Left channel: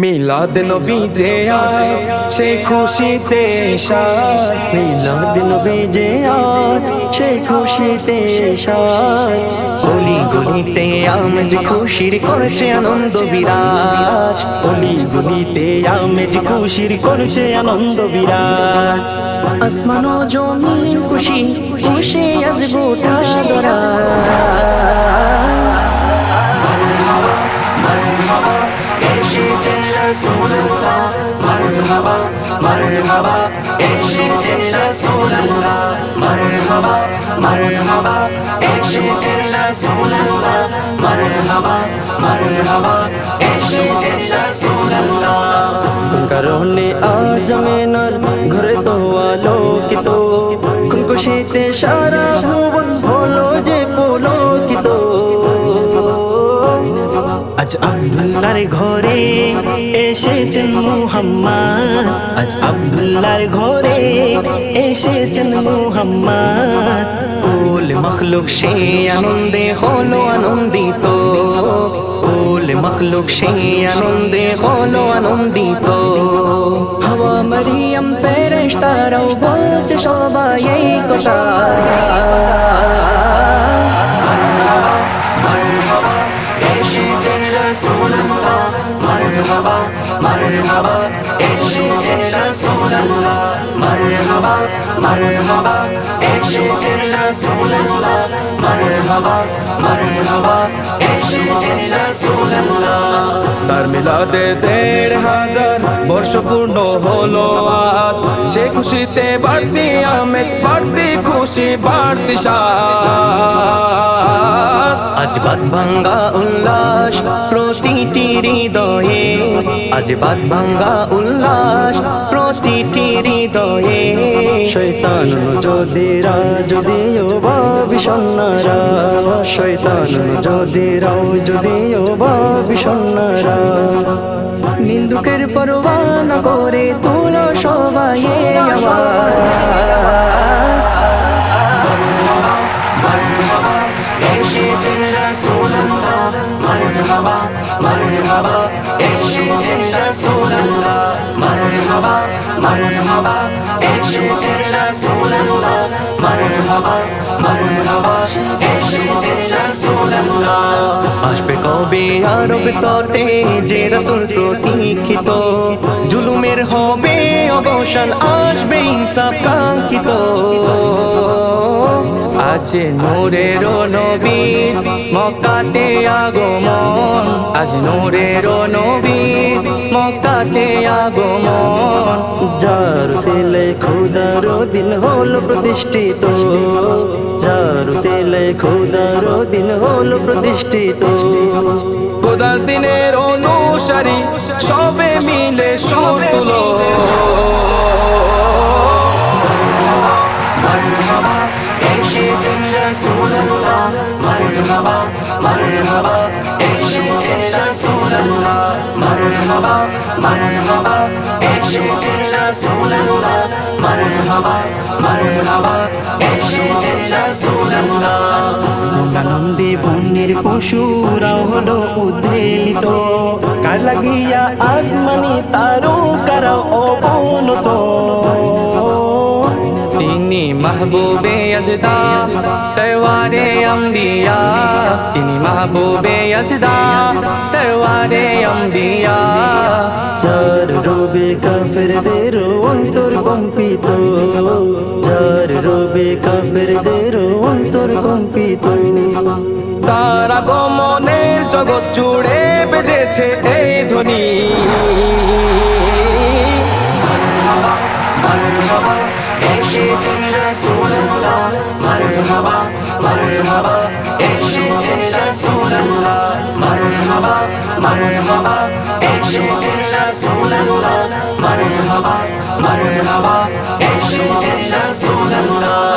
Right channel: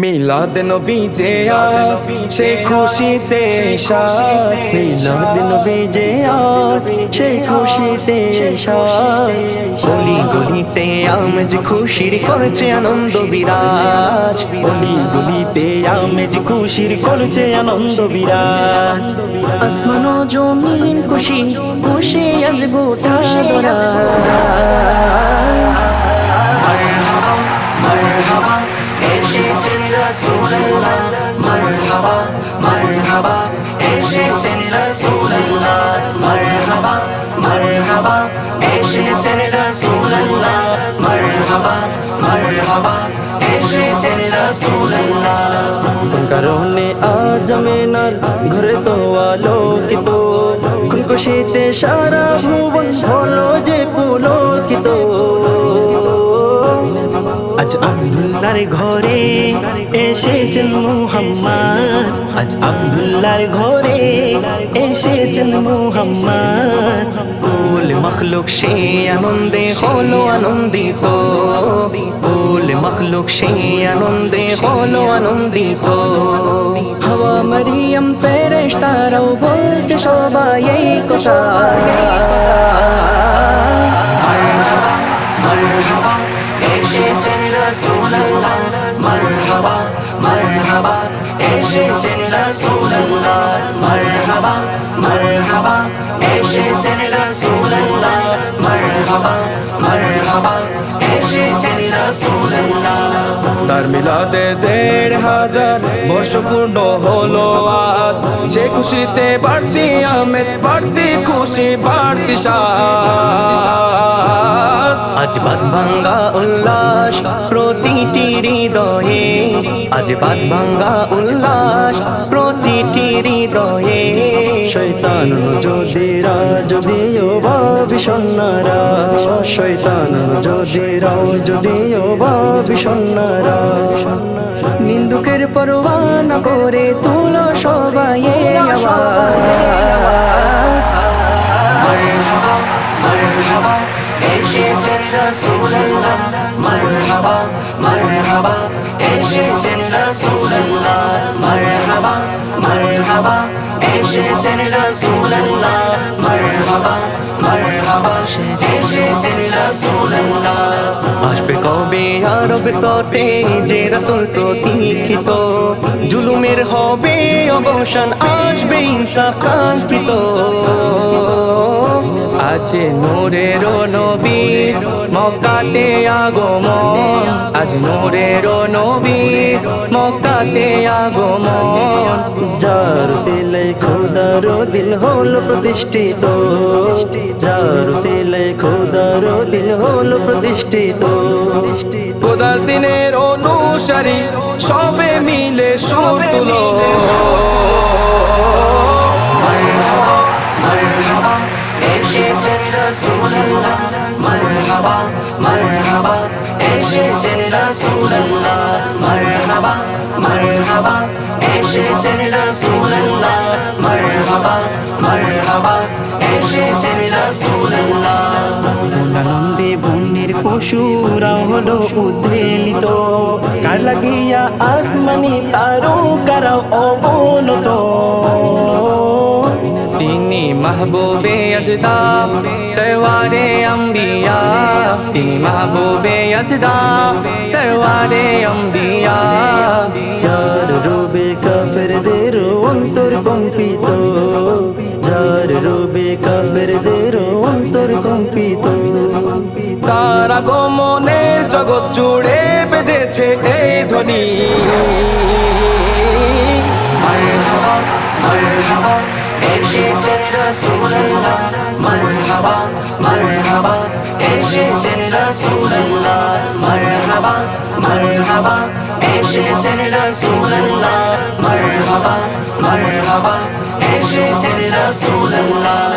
মিলাদ নবী যে আজ সেই খুশিতে সাজ, মিলাদ নবী যে আজ সেই খুশিতে সাজ। অলি গলিতে আমেজ খুশির করেছে আনন্দ বিরাজ। অলি গলিতে আমেজ খুশির করছে আনন্দ বিরাজ। আসমান ও জমিন খুশি খুশি আজ গোটা দরা। এসেছেন রাসূলুল্লাহ, মারহাবা মারহাবা এসেছেন রাসূলুল্লাহ, মারহাবা মারহাবা এসেছেন রাসূলুল্লাহ, মারহাবা মারহাবা এসেছেন রাসূলুল্লাহ। কোন কারণে আজ আমিনার ঘরে তো আলোকিত, কোন খুশিতে সারা ভুবন হলো যে পুলকিত। আজ আব্দুল্লাহর ঘরে এসেছেন মুহাম্মদ, আজ আব্দুল্লাহর ঘরে এসেছেন মুহাম্মদ। কুল মখলুক সে আনন্দে হলো আনন্দিত, কুল মখলুক সে আনন্দে হলো আনন্দিত। হাওয়া মারিয়াম ফেরেশতারাও বলছে সবাই এই কথা। মারহাবা মারহাবা এসেছেন রাসূলুল্লাহ, মারহাবা মারহাবা এসেছেন রাসূলুল্লাহ, মারহাবা মারহাবা এসেছেন রাসূলুল্লাহ, মারহাবা মারহাবা এসেছেন রাসূলুল্লাহ। তার মিলাদে ১৫০০ বর্ষ পূর্ণ হলো আজ, সে খুশিতে বাড়তি আমেজ বাড়তি খুশি বাড়তি সাজ। আজ বাদ ভাঙ্গা উল্লাস প্রতিটি হৃদয়ে, আজ বাদ ভাঙ্গা উল্লাস প্রতিটি হৃদয়ে। শয়তান যদিরা যদিও বা বিষণ্ণরা, শয়তান যদিরাও যদিও বা বিষণ্ণরা। নিন্দুকের পরোয়া না করে তুলো সবাই আওয়াজ। মারহাবা মারহাবা এসেছেন রাসূলুল্লাহ, মারহাবা মারহাবা এসেছেন রাসূলুল্লাহ, মারহাবা মারহাবা এসেছেন রাসূলুল্লাহ, মারহাবা মারহাবা এসেছেন রাসূলুল্লাহ। আসবে কবে আরব তটে যে রাসূল প্রতীক্ষিত, জুলুমের হবে অবসান আসবে ইনসাফ কাঙ্ক্ষিত। আজ নূরের নবীর মক্কাতে আগমন, আজ নূরের নবীর মক্কাতে আগমন। যার সিলে খোদার দিন হলো প্রতিষ্ঠিত, যার সিলে খোদার দিন হলো প্রতিষ্ঠিত। খোদার দিনের অনুসারী সবে মিলে সুর তুলো। মারহাবা মারহাবা এসেছেন রাসূলুল্লাহ, মারহাবা মারহাবা এসেছেন রাসূলুল্লাহ, মারহাবা মারহাবা এসেছেন রাসূলুল্লাহ, মারহাবা মারহাবা এসেছেন রাসূলুল্লাহ। আনন্দে বন্যের পশুরাও হলো উদ্বেলিত, কার লাগিয়া আসমানি তারকারাও অবনত। তিনি মাহবুবে আজদা সরওয়ারে আম্বিয়া, তিনি মাহবুবে আজদা সরওয়ারে আম্বিয়া। যার রূপে কাফেরদের অন্তর কম্পিত, যার রূপে কাফেরদের অন্তর কম্পিত। তার আগমনের জগৎ জুড়ে বেজেছে এই ধ্বনি। মারহাবা মারহাবা এসেছেন রাসূলুল্লাহ, মারহাবা মারহাবা এসেছেন রাসূলুল্লাহ, মারহাবা মারহাবা এসেছেন রাসূলুল্লাহ, মারহাবা মারহাবা এসেছেন রাসূলুল্লাহ।